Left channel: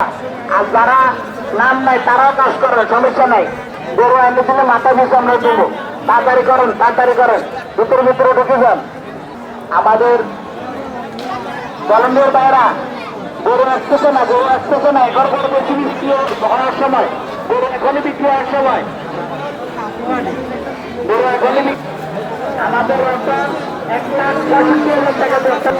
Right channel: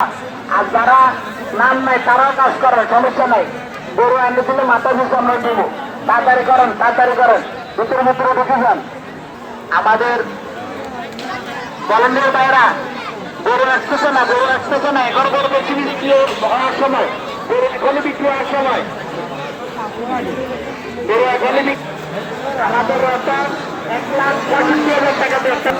আর যারা নাম নাই তারাও কাজ করে, সমস্যা নাই। গরু এনে দিলে মাথা দিয়ে আমরা দেবো। তাড়াতাড়ি করেন, তাড়াতাড়ি করেন, ভিতরে ভিতরে ঢুকে যান। আমাদের ভলান্টিয়ার ভাইরা গরু আসতেছে না, গরু আসতেছে না। এখন গরু বেশি বিক্রি হওয়ার সময়, গরু এখনই বিক্রি হওয়ার সময়, গরু এখনই আমাদের রাস্তা 1,65,000 টাকা ব্যবসা।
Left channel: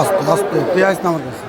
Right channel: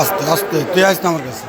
আস্তে আস্তে তুই আসতে আমার কাছে।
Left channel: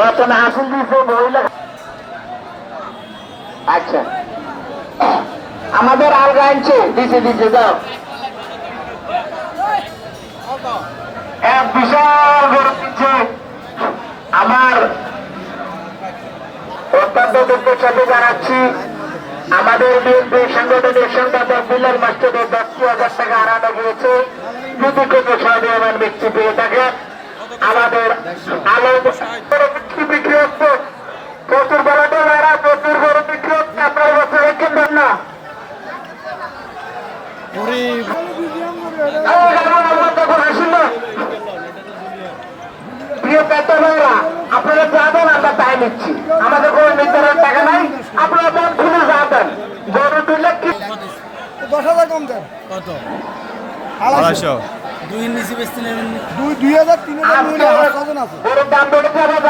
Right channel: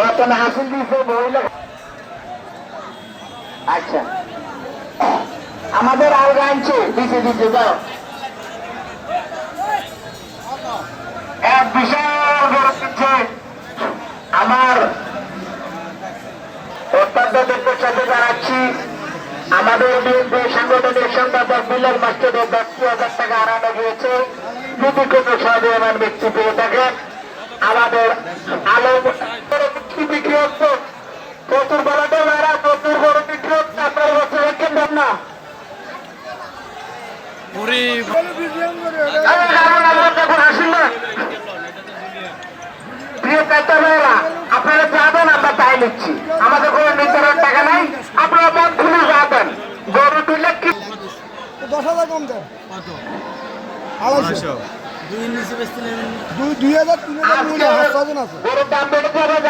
রতন হাসিল দিচ্ছে মহিলা। আচ্ছা, আমাদের আর গাইছে দিছে দিছে দাও। এক বিশাল গরু দিচ্ছে আমার অত্যন্তদের সাথে জানাচ্ছি। আমাদের বিএনপি সাংগঠনিক সম্পাদক বিলের মাস্টারের 10,000 টাকা হারানো গিয়েছে। যদি কোনো সহযোগিতার ব্যক্তি পেয়ে থাকে আমাদের আলো বিক্রি হচ্ছে, প্রচুর বলাটা মেয়েরা প্রচুর গরু বিক্রি হচ্ছে। আপনার বছর কিনবেন না, আপনারা যাবেন, আমরা তাই নিচ্ছি। আমাদের কোনো নির্ধারণ টাকা নাই, আপনারা মন খুলে যাবেন। গরু তুলে কি 10,000 কম দেন, 2,500 2,000 3,000 গরুর দাম বেড়ে যাবে।